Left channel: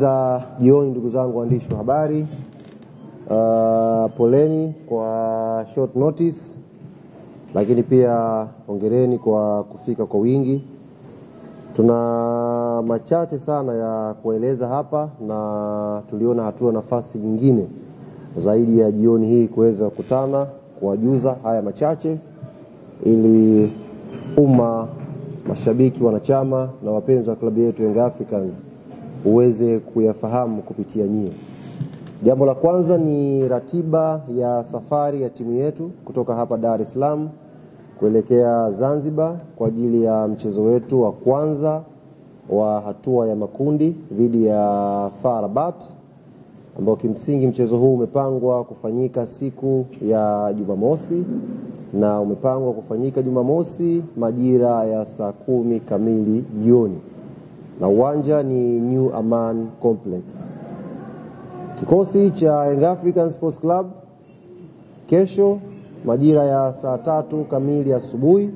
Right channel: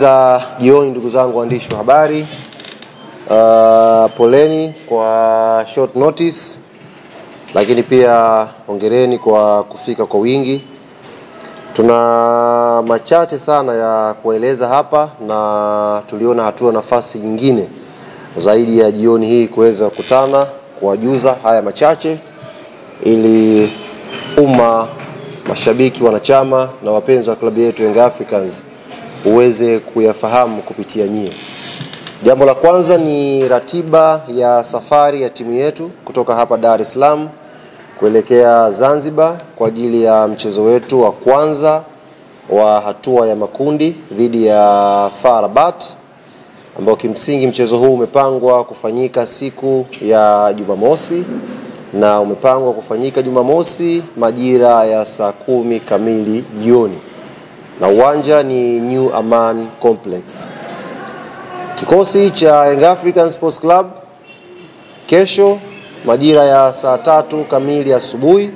Za jioni ndugu zangu waandishi wa habari, poleni kwa short notice, lakini pia hongereni kwa kufika kwa wingi. Tuna machache sana ya kueleza hapa na tuliona hatua nafasi nyingine zaidi ya jioni hii kuweza kukutana kuwajuza haya machache ili umma, mashabiki, wanachama na wapenzi wa klabu yetu Young Africans uweze kuyafahamu kupitia nyie. Jambo la kwanza ni ratiba ya safari ya timu yetu kutoka hapa Dar es Salaam kuelekea Zanzibar kwa ajili ya mchezo wetu wa kwanza wa hatua ya makundi dhidi ya FAR Rabat, ambao kimsingi mchezo huu umepangwa kufanyika siku ya Jumamosi na umepangwa kufanyika Jumamosi majira ya saa 10 kamili jioni. Na uwanja ni New Aman Complex. Kikosi cha Young African Sports Club kesho majira ya saa 3 kamili asubuhi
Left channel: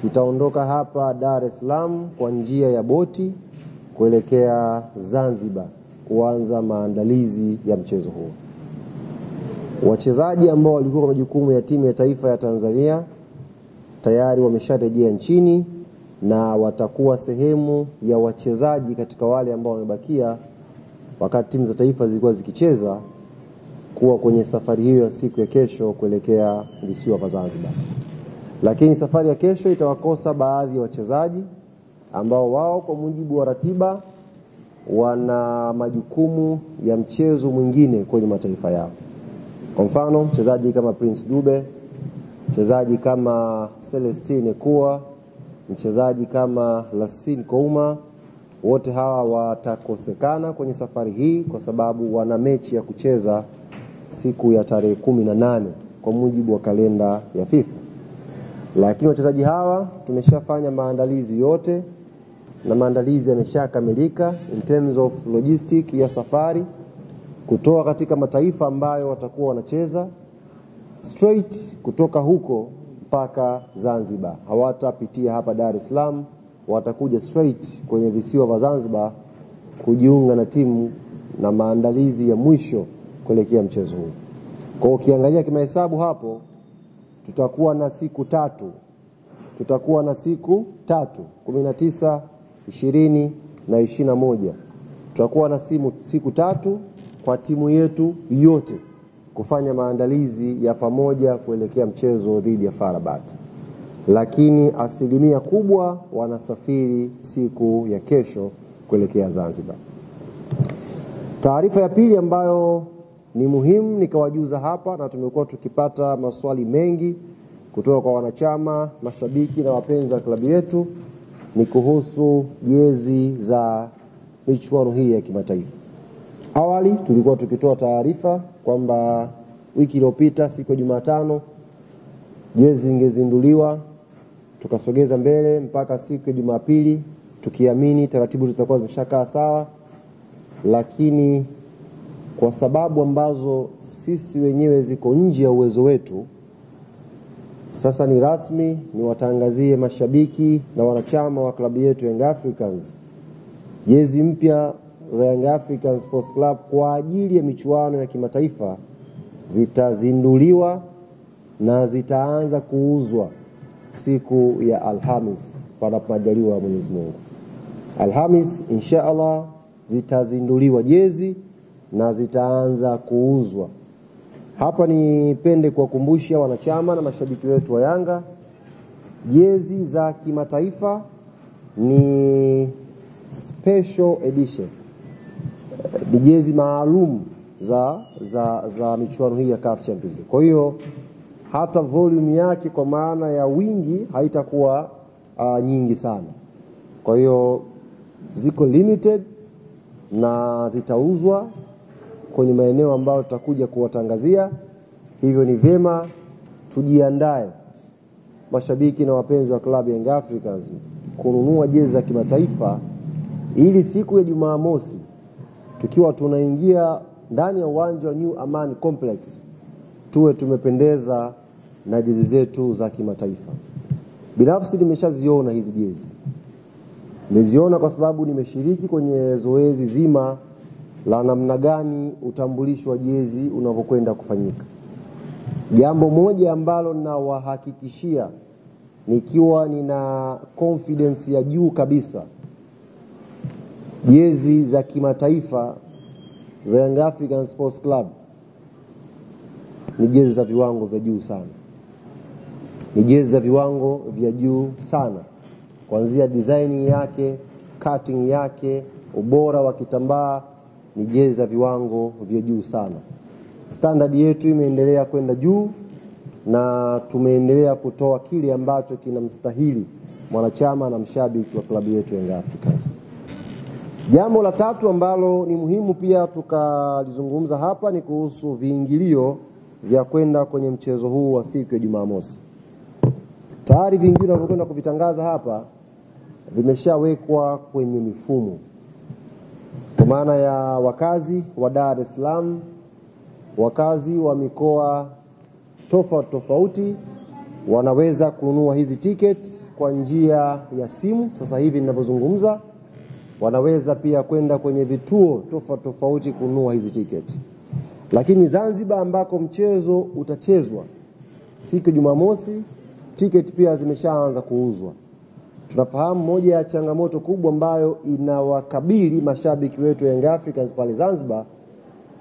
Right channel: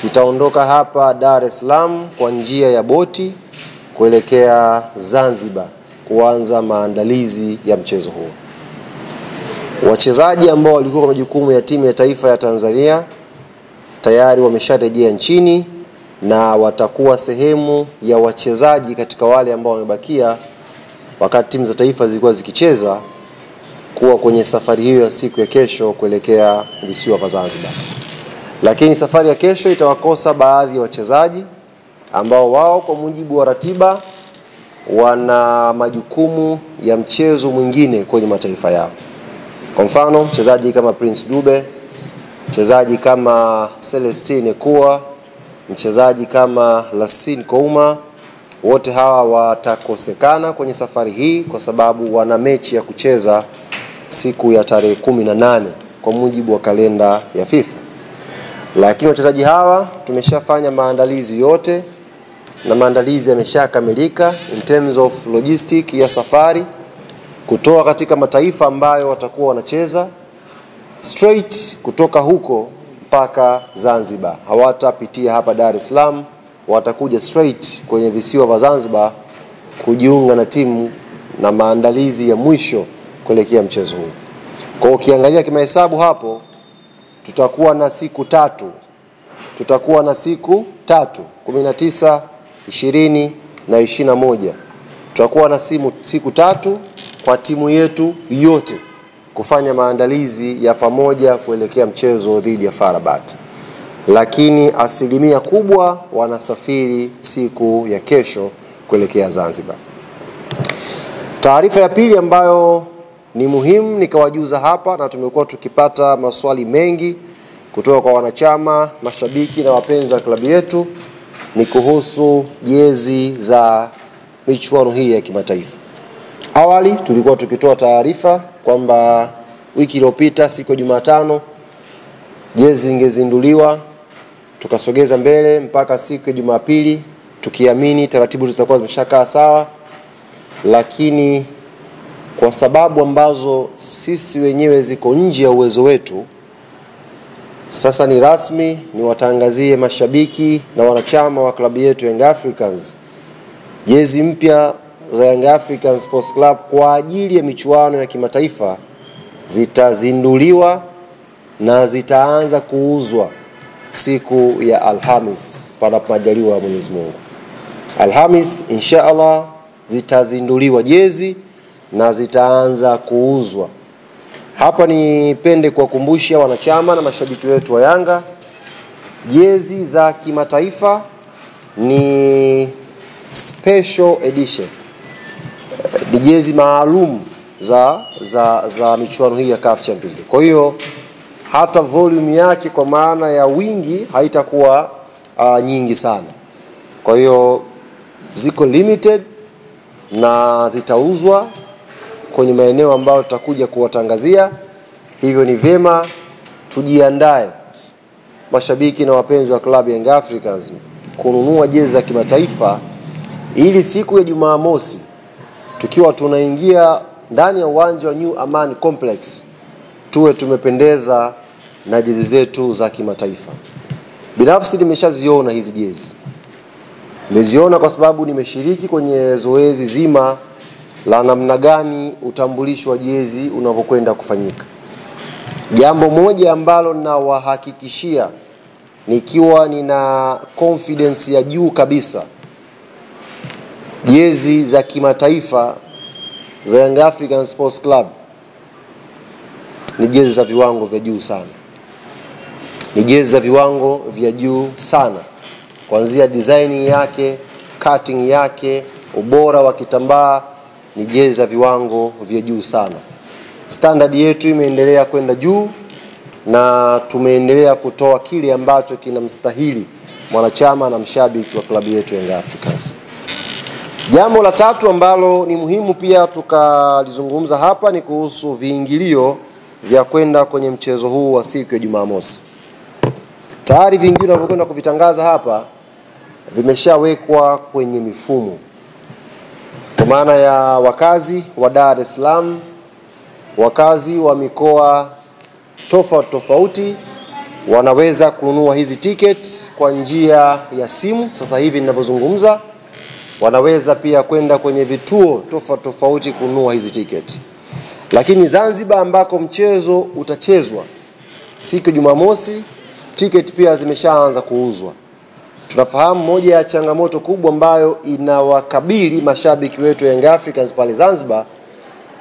kitaondoka hapa Dar es Salaam kwa njia ya boti kuelekea Zanzibar kuanza maandalizi ya mchezo huu. Wachezaji ambao walikuwa kwa majukumu ya timu ya taifa ya Tanzania tayari wamesharejea nchini na watakuwa sehemu ya wachezaji katika wale ambao wamebakia wakati timu za taifa zilikuwa zikicheza kuwa kwenye safari hiyo ya siku ya kesho kuelekea visiwa vya Zanzibar. Lakini safari ya kesho itawakosa baadhi ya wachezaji ambao wao kwa mujibu wa ratiba wana majukumu ya mchezo mwingine kwenye mataifa yao. Kwa mfano, mchezaji kama Prince Dube, mchezaji kama Celestine Ekua, mchezaji kama Lassine Kouma, wote hawa watakosekana kwenye safari hii kwa sababu wana mechi ya kucheza siku ya tarehe 18 kwa mujibu wa kalenda ya FIFA. Lakini wachezaji hawa tumeshafanya maandalizi yote na maandalizi yameshakamilika in terms of logistic ya safari kutoka katika mataifa ambayo watakuwa wanacheza straight kutoka huko mpaka Zanzibar. Hawatapitia hapa Dar es Salaam, watakuja straight kwenye visiwa vya Zanzibar kujiunga na timu na maandalizi ya mwisho kuelekea mchezo huu. Kwa ukiangalia kimahesabu hapo tutakuwa na siku tatu. 19, 20 na 21. Tutakuwa na siku tatu kwa timu yetu yote kufanya maandalizi ya pamoja kuelekea mchezo dhidi ya FAR Rabat. Lakini asilimia kubwa wanasafiri siku ya kesho kuelekea Zanzibar. Taarifa ya pili ambayo ni muhimu nikawajuza hapa na tumekuwa tukipata maswali mengi kutoka kwa wanachama, mashabiki na wapenzi wa klabu yetu ni kuhusu jezi za michuano hii ya kimataifa. Awali tulikuwa tukitoa taarifa kwamba wiki iliyopita siku ya Jumatano jezi zingezinduliwa, tukasogeza mbele mpaka siku ya Jumapili tukiamini taratibu zitakuwa zimeshakaa sawa, lakini kwa sababu ambazo sisi wenyewe ziko nje ya uwezo wetu, sasa ni rasmi ni watangazie mashabiki na wanachama wa klabu yetu Young Africans jezi mpya za Young African Sports Club kwa ajili ya michuano ya kimataifa zitazinduliwa na zitaanza kuuzwa siku ya Alhamis panapo majaliwa ya Mwenyezi Mungu. Alhamis inshallah zitazinduliwa jezi na zitaanza kuuzwa. Hapa nipende kuwakumbusha wanachama na mashabiki wetu wa Yanga, jezi za kimataifa ni special edition. Ni jezi maalum za michuano hii ya CAF Champions League. Kwa hiyo hata volume yake kwa maana ya wingi haitakuwa nyingi sana. Kwa hiyo ziko limited na zitauzwa kwenye maeneo ambayo tutakuja kuwatangazia. Hivyo ni vyema tujiandae mashabiki na wapenzi wa klabu ya Young Africans kununua jezi za kimataifa ili siku ya Jumamosi tukiwa tunaingia ndani ya uwanja wa New Aman Complex tuwe tumependeza na jezi zetu za kimataifa. Binafsi nimeshaziona hizi jezi Nimeziona kwa sababu nimeshiriki kwenye zoezi zima la namna gani utambulisho wa jezi unavyokwenda kufanyika. Jambo moja ambalo nawahakikishia nikiwa nina confidence ya juu kabisa, jezi za kimataifa za Young African Sports Club ni jezi za viwango vya juu sana. Ni jezi za viwango vya juu sana. Kuanzia design yake, cutting yake, ubora wa kitambaa, ni jezi za viwango vya juu sana. Standard yetu imeendelea kwenda juu na tumeendelea kutoa kile ambacho kinamstahili mwanachama na mshabiki wa klabu yetu Young Africans. Jambo la tatu ambalo ni muhimu pia tukalizungumza hapa ni kuhusu viingilio vya kwenda kwenye mchezo huu wa siku ya Jumamosi. Tayari viingilio vinavyokwenda kuvitangaza hapa vimeshawekwa kwenye mifumo. Kwa maana ya wakazi wa Dar es Salaam, wakazi wa mikoa tofauti wanaweza kununua hizi ticket kwa njia ya simu. Sasa hivi ninavyozungumza, wanaweza pia kwenda kwenye vituo tofauti kununua hizi ticket. Lakini Zanzibar ambako mchezo utachezwa siku ya Jumamosi, ticket pia zimeshaanza kuuzwa. Tunafahamu moja ya changamoto kubwa ambayo inawakabili mashabiki wetu Young Africans pale Zanzibar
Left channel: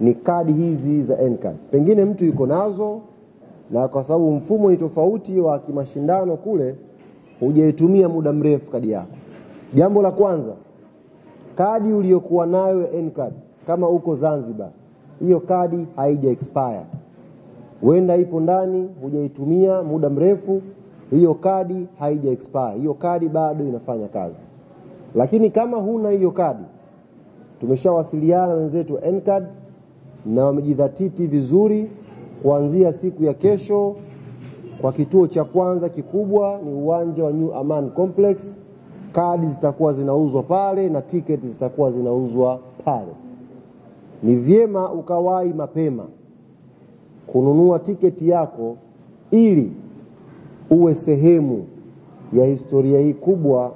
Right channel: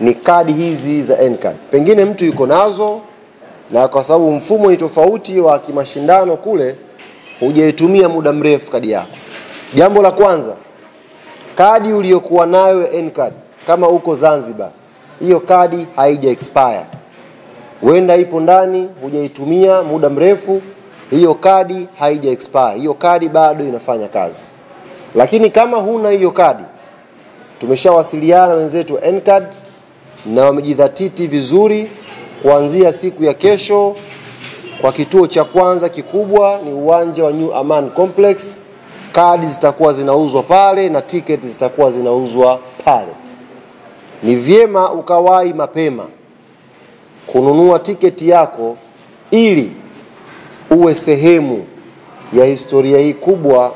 ni kadi hizi za N-card. Pengine mtu yuko nazo na kwa sababu mfumo ni tofauti wa kimashindano kule, hujaitumia muda mrefu kadi yako. Jambo la kwanza, kadi uliyokuwa nayo N-card kama uko Zanzibar, hiyo kadi haija expire. Wenda ipo ndani, hujaitumia muda mrefu, hiyo kadi haija expire. Hiyo kadi bado inafanya kazi. Lakini kama huna hiyo kadi, tumeshawasiliana wenzetu N-card na wamejidhatiti vizuri. Kuanzia siku ya kesho, kwa kituo cha kwanza kikubwa ni uwanja wa New Aman Complex, kadi zitakuwa zinauzwa pale na tiketi zitakuwa zinauzwa pale. Ni vyema ukawahi mapema kununua tiketi yako ili uwe sehemu ya historia hii kubwa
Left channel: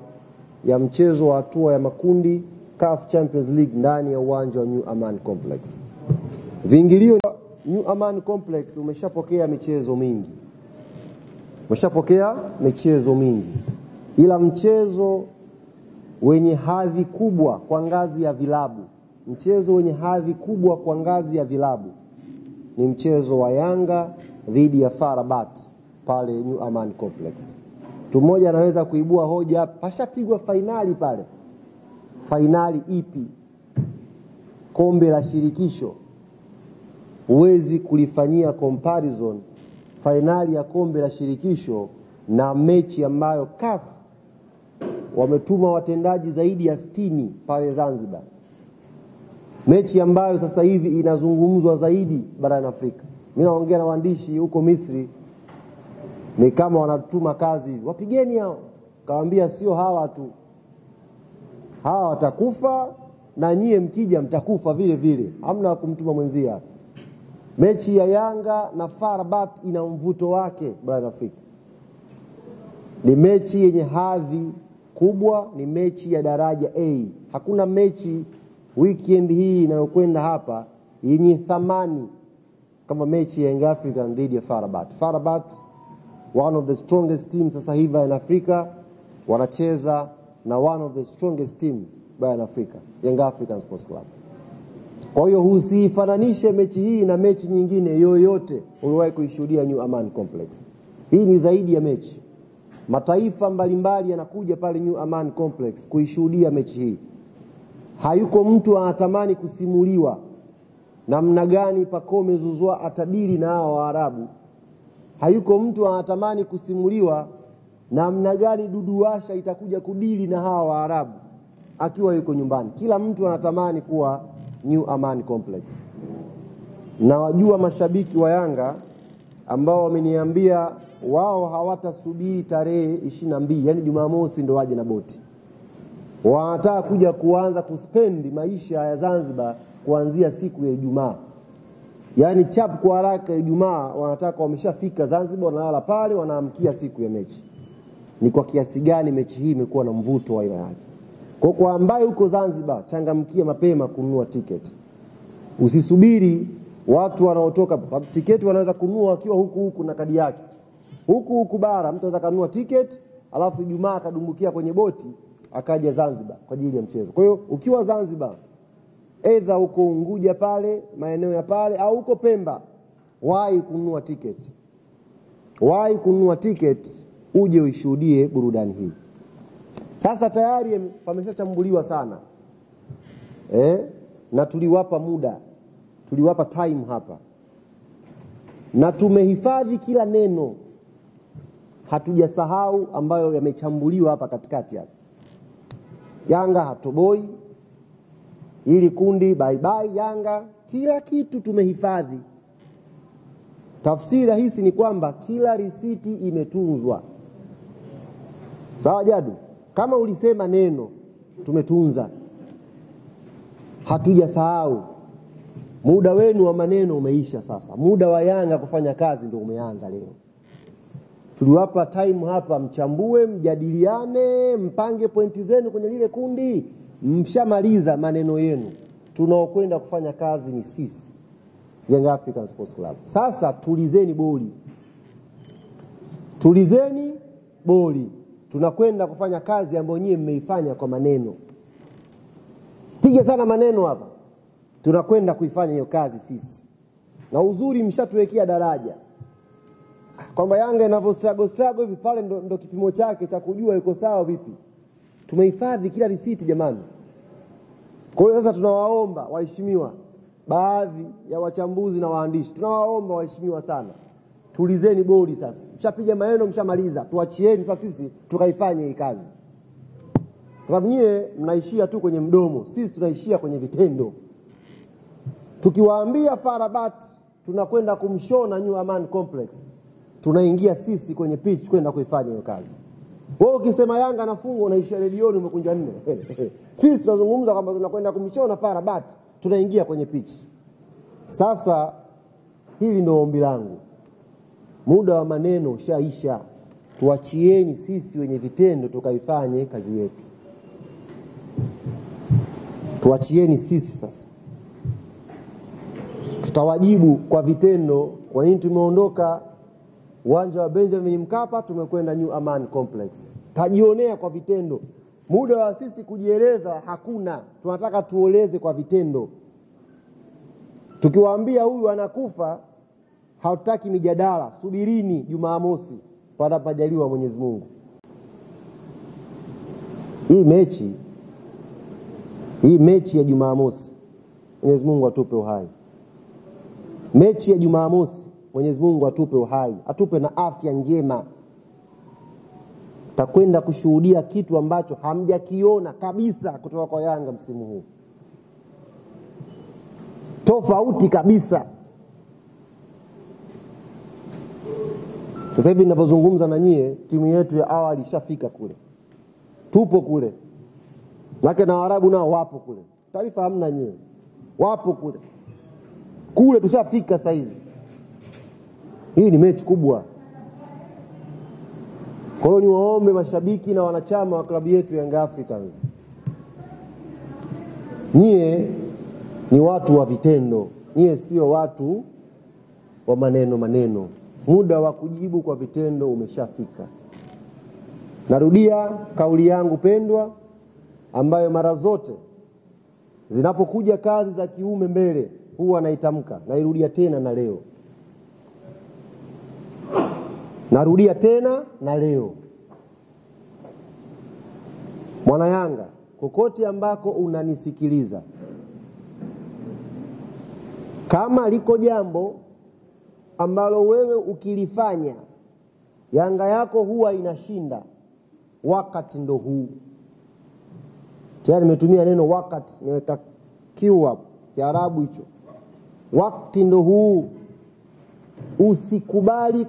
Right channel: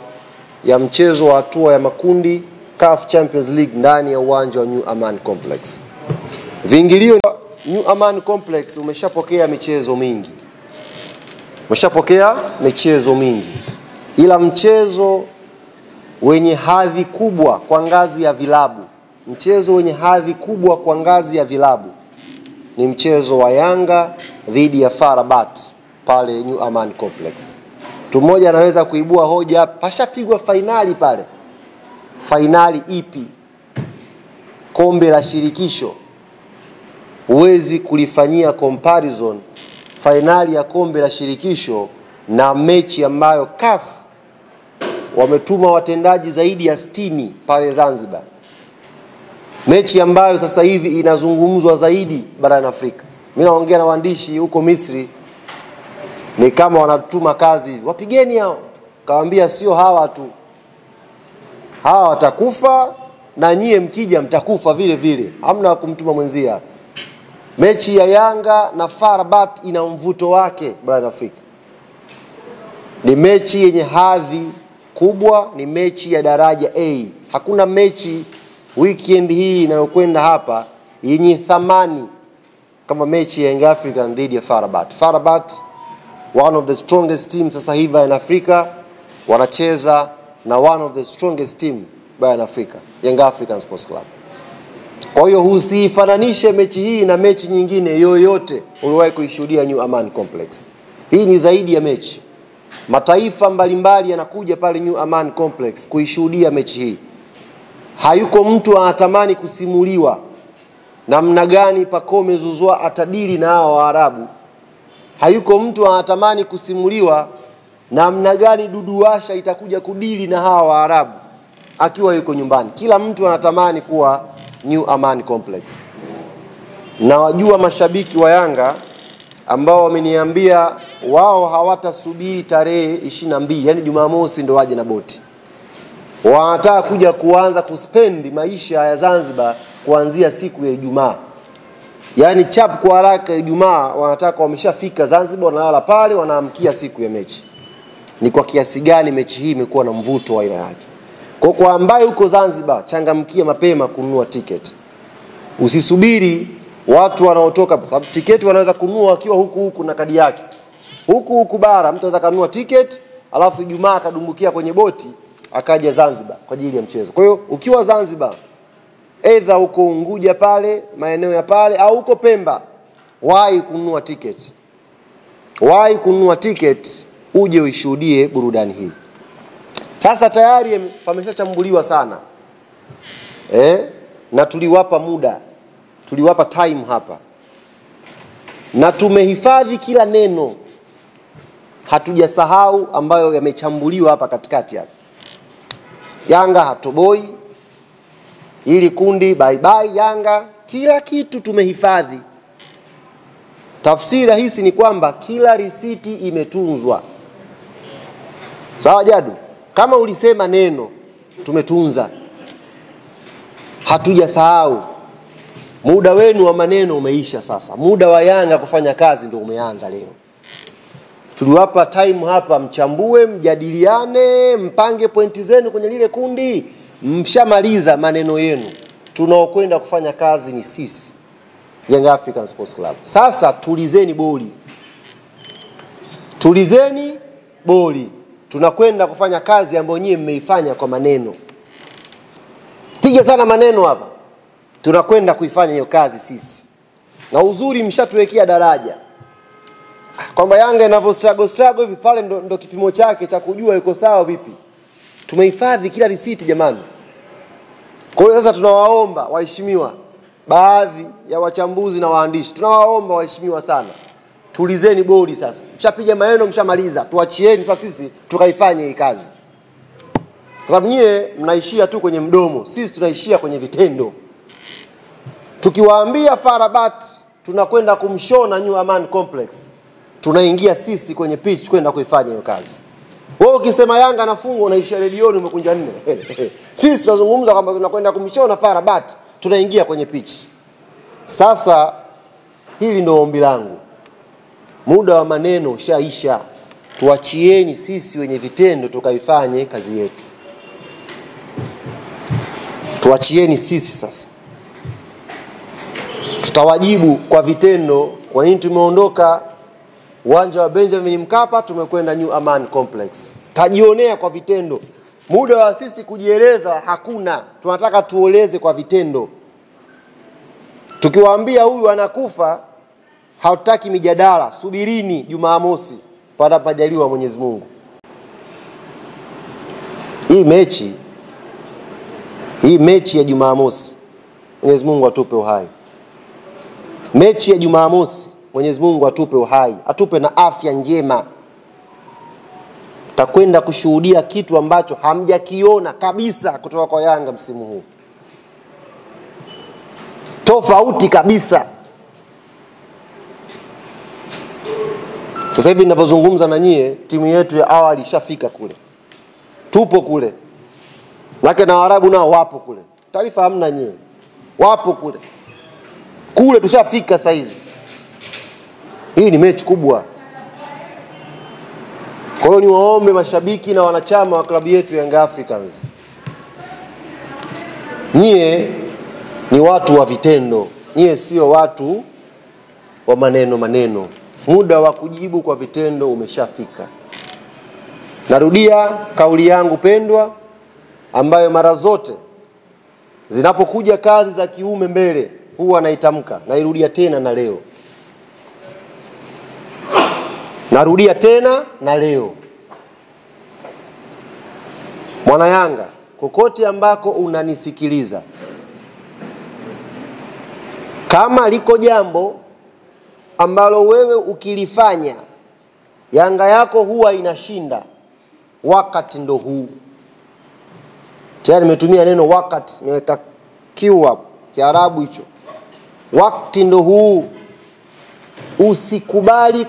ya mchezo wa hatua ya makundi CAF Champions League ndani ya uwanja wa New Aman Complex. Viingilio New Aman Complex umeshapokea michezo mingi. Ila mchezo wenye hadhi kubwa kwa ngazi ya vilabu, ni mchezo wa Yanga dhidi ya FAR Rabat pale New Aman Complex. Mtu mmoja anaweza kuibua hoja, pashapigwa finali pale. Finali ipi? Kombe la shirikisho. Huwezi kulifanyia comparison finali ya kombe la shirikisho na mechi ambayo CAF wametuma watendaji zaidi ya 60 pale Zanzibar. Mechi ambayo sasa hivi inazungumzwa zaidi barani Afrika. Mimi naongea na waandishi huko Misri, ni kama wanatuma kazi hivi, wapigeni hao. Kawaambia sio hawa tu, hawa watakufa na nyie mkija mtakufa vile vile, hamna kumtuma mwenzia. Mechi ya Yanga na FAR Rabat ina mvuto wake barani Afrika. Ni mechi yenye hadhi kubwa, ni mechi ya daraja A. Hakuna mechi weekend hii inayokwenda hapa yenye thamani kama mechi ya Young African dhidi ya FAR Rabat. FAR Rabat, one of the strongest teams sasa hivi in Africa, wanacheza na one of the strongest team barani Afrika, Young African Sports Club. Kwa hiyo usifananishe mechi hii na mechi nyingine yoyote uliwahi kuishuhudia New Aman Complex. Hii ni zaidi ya mechi. Mataifa mbalimbali yanakuja pale New Aman Complex kuishuhudia mechi hii. Hayuko mtu anatamani kusimuliwa namna gani Pacome Zouzoua atadili na hao Waarabu. Hayuko mtu anatamani kusimuliwa namna gani Dudu Washa itakuja kudili na hao Waarabu akiwa yuko nyumbani. Kila mtu anatamani kuwa New Aman Complex. Na wajua mashabiki wa Yanga ambao wameniambia wao hawatasubiri tarehe 22, yani Jumamosi ndo waje na boti. Wanataka kuja kuanza kuspendi maisha ya Zanzibar kuanzia siku ya Ijumaa. Yani chap kwa haraka Ijumaa wanataka wameshafika Zanzibar, wanalala pale, wanaamkia siku ya mechi. Ni kwa kiasi gani mechi hii imekuwa na mvuto wa aina yake. Kwa ambaye uko Zanzibar, changamkia mapema kununua tiketi. Usisubiri watu wanaotoka, kwa sababu tiketi wanaweza kununua wakiwa huku na kadi yake. Huku bara mtu anaweza kununua tiketi, alafu Ijumaa akadumbukia kwenye boti akaja Zanzibar kwa ajili ya mchezo. Kwa hiyo ukiwa Zanzibar, either uko Unguja pale, maeneo ya pale, au uko Pemba, wahi kununua tiketi. Wahi kununua tiketi uje uishuhudie burudani hii. Sasa tayari pameshachambuliwa sana. Na tuliwapa muda, tuliwapa time hapa. Na tumehifadhi kila neno. Hatujasahau ambayo yamechambuliwa hapa katikati hapa. Yanga hatoboi, ili kundi bye bye Yanga, kila kitu tumehifadhi. Tafsiri rahisi ni kwamba kila risiti imetunzwa. Sawa Jadu? Kama ulisema neno, tumetunza. Hatujasahau. Muda wenu wa maneno umeisha sasa. Muda wa Yanga kufanya kazi ndio umeanza leo. Tuliwapa time hapa, mchambue, mjadiliane, mpange pointi zenu kwenye lile kundi. Mshamaliza maneno yenu. Tunaokwenda kufanya kazi ni sisi, Young African Sports Club. Sasa tulizeni boli. Tulizeni boli. Tunakwenda kufanya kazi ambayo nyinyi mmeifanya kwa maneno. Piga sana maneno hapa. Tunakwenda kuifanya hiyo kazi sisi. Na uzuri mshatuwekea daraja. Kwamba Yanga inavyo struggle hivi pale ndo kipimo chake cha kujua yuko sawa vipi. Tumehifadhi kila risiti jamani. Kwa hiyo sasa tunawaomba waheshimiwa, baadhi ya wachambuzi na waandishi, tunawaomba waheshimiwa sana, tulizeni bodi sasa. Mshapiga maneno, mshamaliza. Tuachieni sasa sisi tukaifanye hii kazi. Kwa sababu nyie mnaishia tu kwenye mdomo, sisi tunaishia kwenye vitendo. Tukiwaambia Farabat tunakwenda kumshona New Aman Complex, tunaingia sisi kwenye pitch kwenda kuifanya hiyo kazi. Wewe ukisema Yanga anafungwa unaisha redioni umekunja nne. Sisi tunazungumza kwamba tunakwenda kumshona Farabat, tunaingia kwenye pitch. Sasa hili ndio ombi langu. Muda wa maneno ushaisha. Tuachieni sisi wenye vitendo tukaifanye kazi yetu. Tuachieni sisi sasa. Tutawajibu kwa vitendo kwa nini tumeondoka uwanja wa Benjamin Mkapa tumekwenda New Aman Complex. Tajionea kwa vitendo. Muda wa sisi kujieleza hakuna. Tunataka tuoleze kwa vitendo. Tukiwaambia huyu anakufa, hatutaki mijadala. Subirini Jumamosi panapojaliwa Mwenyezi Mungu. Hii mechi ya Jumamosi, Mwenyezi Mungu atupe uhai. Mechi ya Jumamosi, Mwenyezi Mungu atupe uhai, atupe na afya njema. Takwenda kushuhudia kitu ambacho hamjakiona kabisa kutoka kwa Yanga msimu huu. Tofauti kabisa. Sasa hivi ninapozungumza na nyie, timu yetu ya awali ishafika kule. Tupo kule. Lake na Waarabu nao wapo kule. Taarifa hamna nyie. Wapo kule. Kule tushafika saizi. Hii ni mechi kubwa. Kwa hiyo niwaombe mashabiki na wanachama wa klabu yetu Young Africans. Nyie ni watu wa vitendo. Nyie sio watu wa maneno. Muda wa kujibu kwa vitendo umeshafika. Narudia kauli yangu pendwa ambayo mara zote zinapokuja kazi za kiume mbele huwa naitamka, nairudia tena na leo. Narudia tena na leo. Mwana Yanga, kokote ambako unanisikiliza, kama liko jambo ambalo wewe ukilifanya Yanga yako huwa inashinda, wakati ndo huu. Tayari nimetumia neno wakati, nimeweka kiu hapo, Kiarabu hicho. Wakati ndo huu. Usikubali